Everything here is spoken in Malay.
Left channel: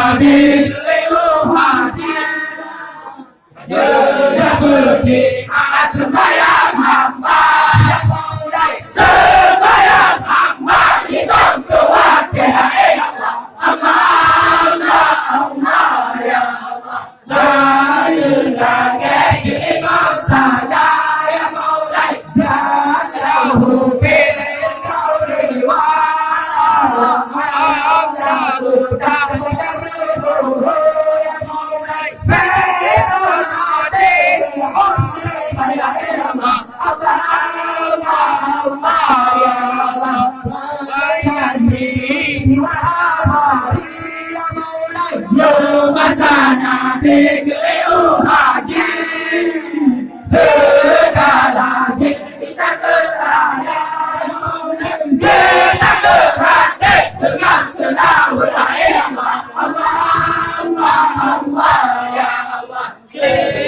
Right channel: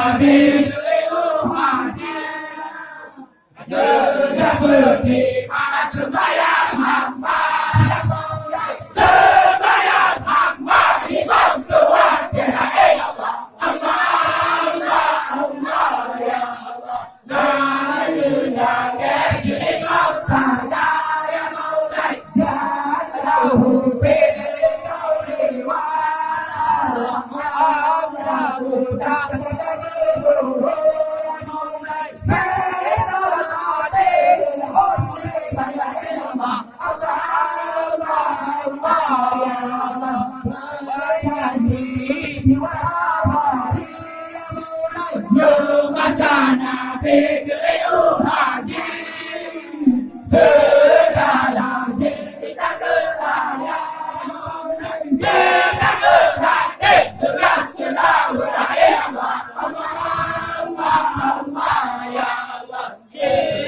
Nabi seluruh hati berjabudi sembahyang hamba sembahyang hamba hitam kuat ya Allah Allah Allah ya Allah la ilaha illallah ya Maulay ya lahu fil qawli wa Allah, Allah, ya Allah.